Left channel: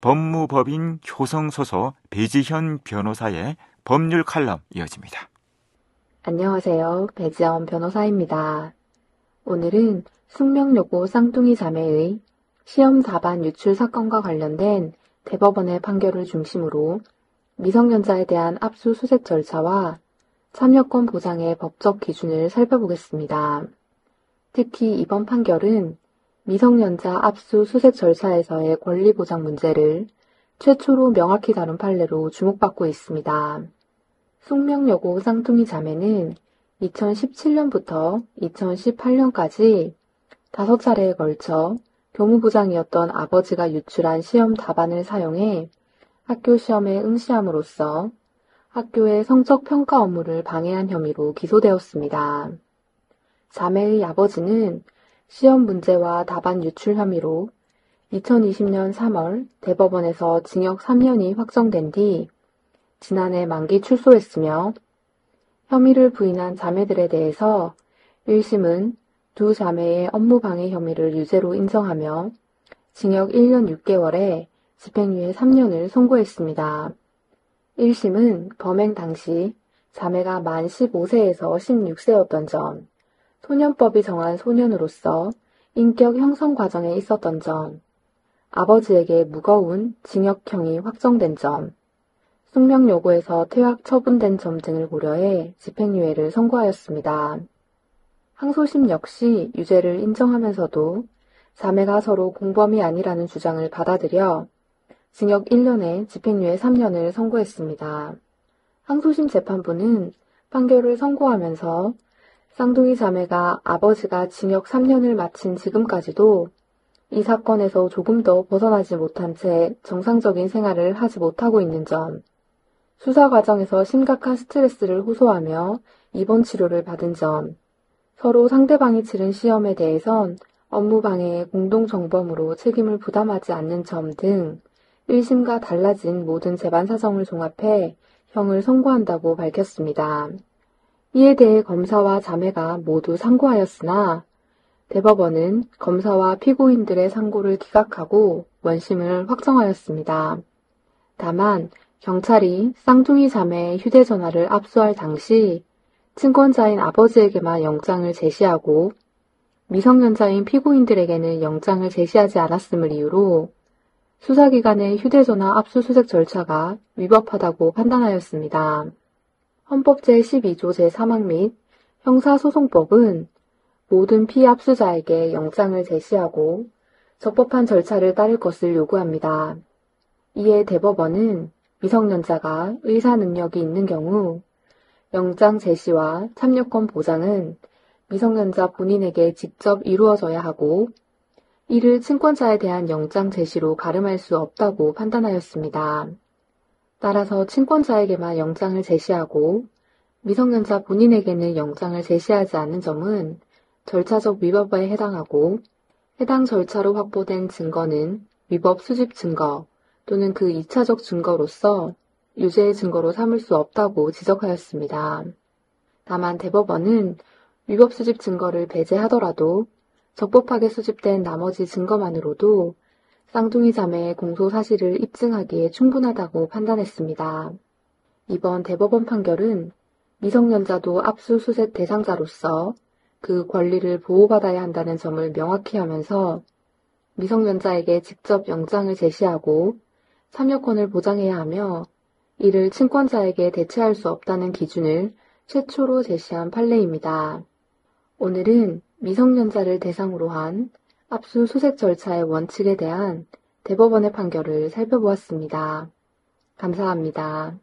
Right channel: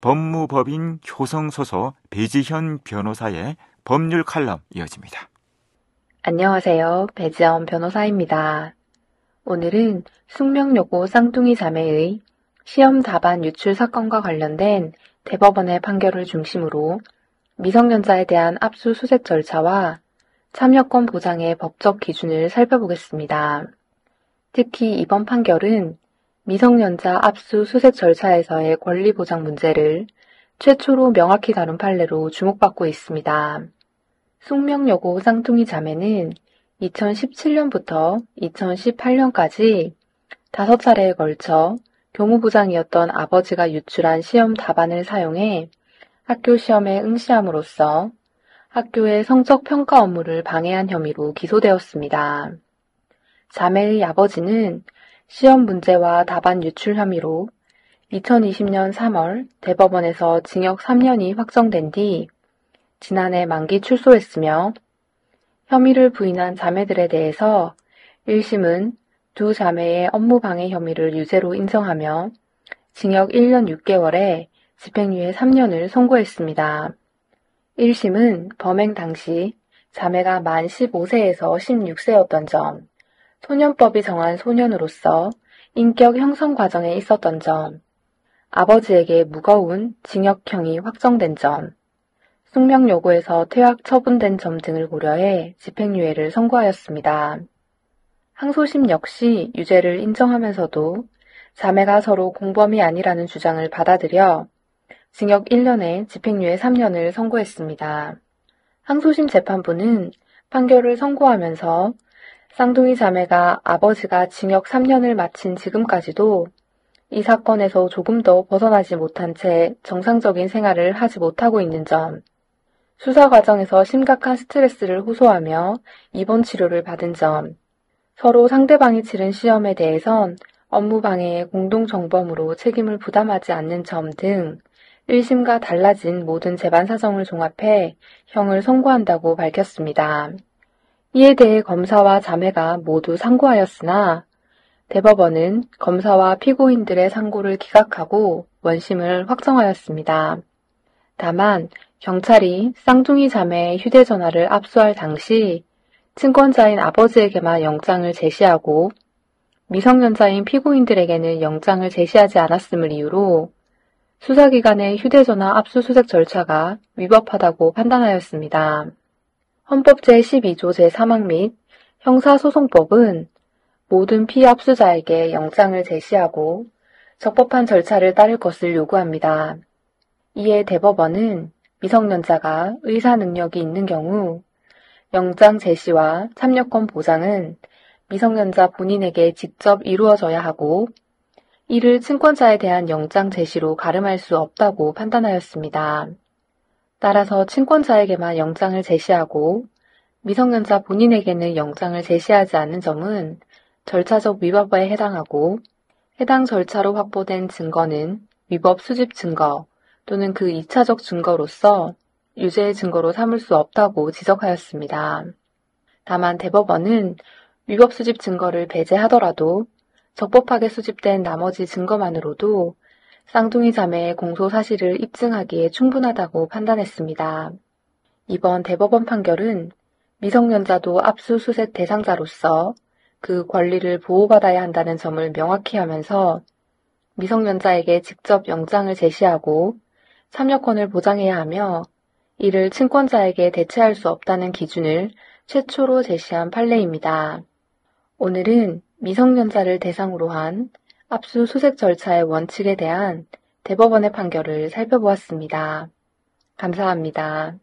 법무법인 효성소서 배지현 변호사의 법률 칼럼 이어집니다. 안녕하세요. 배지현 변호사입니다. 오늘은 숙명여고 쌍둥이 자매의 시험 답안 유출 사건과 관련된 대법원의 판결을 중심으로 미성년자에 대한 압수수색 절차와 참여권 보장의 법적 기준을 살펴보겠습니다. 특히 이번 판결은 미성년자 압수수색 절차에서의 권리 보장 문제를 최초로 명확히 다룬 판례로 주목받고 있습니다. 숙명여고 쌍둥이 자매는 2017년부터 2018년까지 5차례에 걸쳐 교무부장이었던 아버지가 유출한 시험 답안을 사용해 학교 시험에 응시함으로써 학교의 성적 평가 업무를 방해한 혐의로 기소되었습니다. 자매의 아버지는 시험 문제와 답안 유출 혐의로 2020년 3월 대법원에서 징역 3년이 확정된 뒤 지난해 만기 출소했으며 혐의를 부인한 자매들에 대해서 1심은 두 자매의 업무방해 혐의를 유죄로 인정하며 징역 1년 6개월에 집행유예 3년을 선고했습니다. 1심은 범행 당시 자매가 만 15세에서 16세였던 점, 소년법이 정한 소년으로서 인격 형성 과정에 있었던 점, 아버지에게 무거운 징역형이 확정된 점, 숙명여고에서 퇴학 처분된 점 등을 고려해 집행유예를 선고하였습니다. 항소심 역시 유죄를 인정하면서도 자매가 서로 공범이 아니라는 주장을 받아들여 징역 1년에 집행유예 3년을 선고했습니다. 항소심 재판부는 판결을 선고하면서 쌍둥이 자매가 아버지가 징역 3년을 마친 지금까지도 이 사건에서 조금 더 벗어나지 못한 채 정상적인 생활을 하지 못하고 있는 점, 수사 과정에서 심각한 스트레스를 호소하며 입원 치료를 받은 점, 서로 상대방이 치른 시험에 대해선 업무방해의 공동정범으로 책임을 부담하지 않는 점 등 1심과 달라진 모든 재반 사정을 종합해 형을 선고한다고 밝혔습니다. 이에 대해 검사와 자매가 모두 상고하였으나 대법원은 검사와 피고인들의 상고를 기각하고 원심을 확정하였습니다. 다만 경찰이 쌍둥이 자매의 휴대전화를 압수할 당시 친권자인 아버지에게만 영장을 제시하고 미성년자인 피고인들에게는 영장을 제시하지 않았음을 이유로 수사기관의 휴대전화 압수수색 절차가 위법하다고 판단하였습니다. 헌법 제12조 제3항 및 형사소송법은 모든 피압수자에게 영장을 제시하고 적법한 절차를 따를 것을 요구합니다. 이에 대법원은 미성년자가 의사 능력이 있는 경우 영장 제시와 참여권 보장은 미성년자 본인에게 직접 이루어져야 하고 이를 친권자에 대한 영장 제시로 가름할 수 없다고 판단하였습니다. 따라서 친권자에게만 영장을 제시하고 미성년자 본인에게는 영장을 제시하지 않는 점은 절차적 위법에 해당하고 해당 절차로 확보된 증거는 위법 수집 증거 또는 그 2차적 증거로서 유죄의 증거로 삼을 수 없다고 지적하였습니다. 다만 대법원은 위법 수집 증거를 배제하더라도 적법하게 수집된 나머지 증거만으로도 쌍둥이 자매의 공소 사실을 입증하기에 충분하다고 판단했습니다. 이번 대법원 판결은 미성년자도 압수수색 대상자로서 그 권리를 보호받아야 한다는 점을 명확히 하면서 미성년자에게 직접 영장을 제시하고 참여권을 보장해야 하며 이를 친권자에게 대체할 수 없다는 기준을 최초로 제시한 판례입니다. 오늘은 미성년자를 대상으로 한 압수수색 절차의 원칙에 대한 대법원의 판결을 살펴보았습니다. 감사합니다.